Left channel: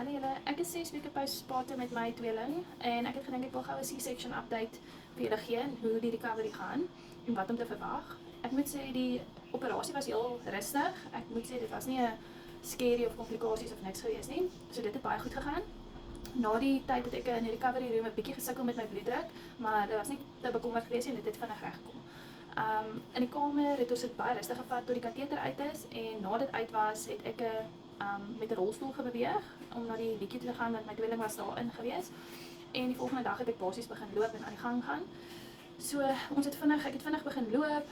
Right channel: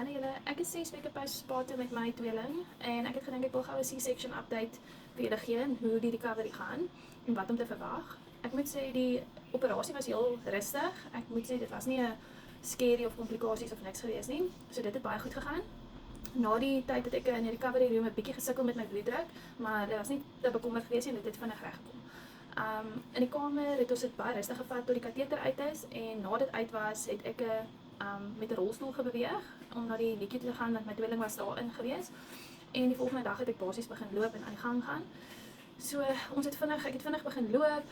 Hallo julle, ek is 6 weke postpartum met my tweeling en ek het gedink ek wil gou 'n C-section update vir julle gee en hoe die recovery gaan en wat om te verwag. Ek moet sê die operasie was heel rustig. Ek moet sê dit was nie 'n scary of komplikasies of niks gewees nie. So dit het baie goed gegaan. Na die tyd het ek in die recovery room 'n bietjie gesukkel met my bloeddruk, maar dit was nie te bekommerd gewees en dit het vinnig reggekom. In die kamer het ons dit baie rustig gevat tot die kateter uit is en na dit uit was, het ek met 'n rolstoel gebeweeg om na die liedjie te gaan want my tweeling was daarin gewees. En die volgende dag het ek basies begin loop en aan die gang gaan. So ek het vinnig begin loop.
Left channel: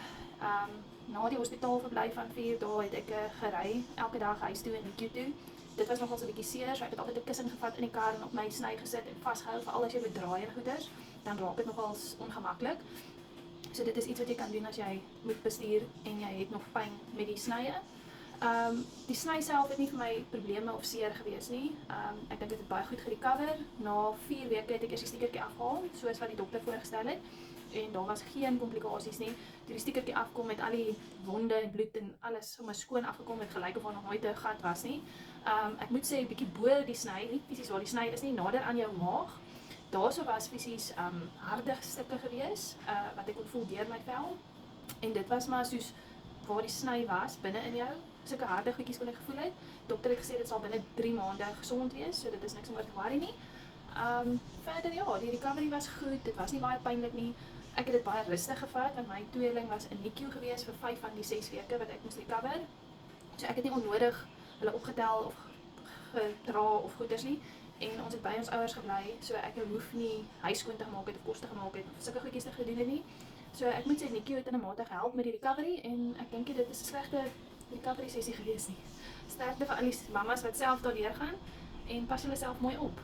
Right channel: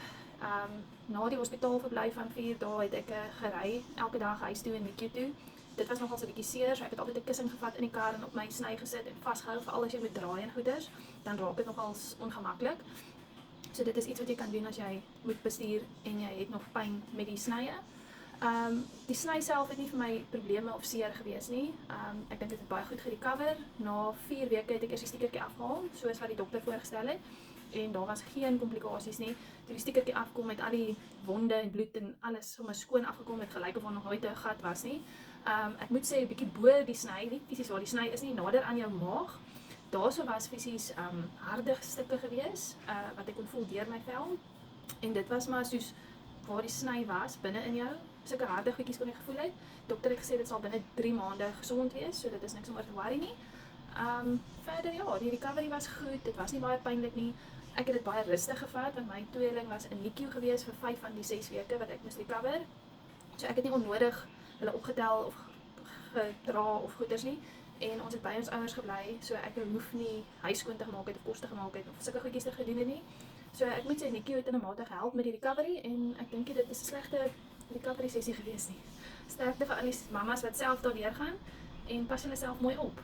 Na die hospitaal verblyf van 4 dae het ek gery elke dag huis toe en liedjie toe. Dit was nogal so 'n bietjie seer, so ek het altyd 'n kussing gevat in die kar en op my sny gesit en vasgehou vir al as jy moet draai en goeders, dan raak dit nogals ongemaklik. So dit is iets wat jy kan doen as jy moet bestuur en jy het nog pyn met die snye. Die sny self het nie vir my probleme of seer gewees nie. Ek dink dit het baie goed gerecover. Na 4 weke het ek eers die stiekertjie afgehaal, soos wat die dokter voorgestel het. En daar was geen komplikasies nie. Toe die stiekertjie afkom met al die wonde en bloed en alles sommer skoon afgekom het, gelyk of daar nog nooit 'n gat was nie. Ek moet sê 'n bietjie bo die sny, nie fisies waar die sny is nie, nader aan jou maag. Daarso was fisies harde stukke gewees, wat ek kon voel deur my vel. En dit was maar soos waar die sny was binne in jou. Sulke harde goedjies kon ek gevoel het. Dokter het gesê dit sal binne 3 maande gesond wees, so dit is niks om oor te worry nie. Verder ja, die recovery was goed. Dit was nie baie pynlik nie. Ek het dit baie rustig gevat want my tweeling was in NICU gewees vir 5 van die 6 weke wat ek moes recover. So ek het nie onnodig hulle opgetel of gedra of goeders nie. En ons het by ons ouers gebly, so ek hoef nie huis skoon te maak het of kos te gemaak het of sulke goedjies te gedoen het nie. So ek moet sê NICU het in 'n mate gehelp met die recovery en ek dink dit is 'n slegte recovery sessie gewees nie. Sterkte vir al die mamas wat self daardeur gaan en pas julle self mooi op.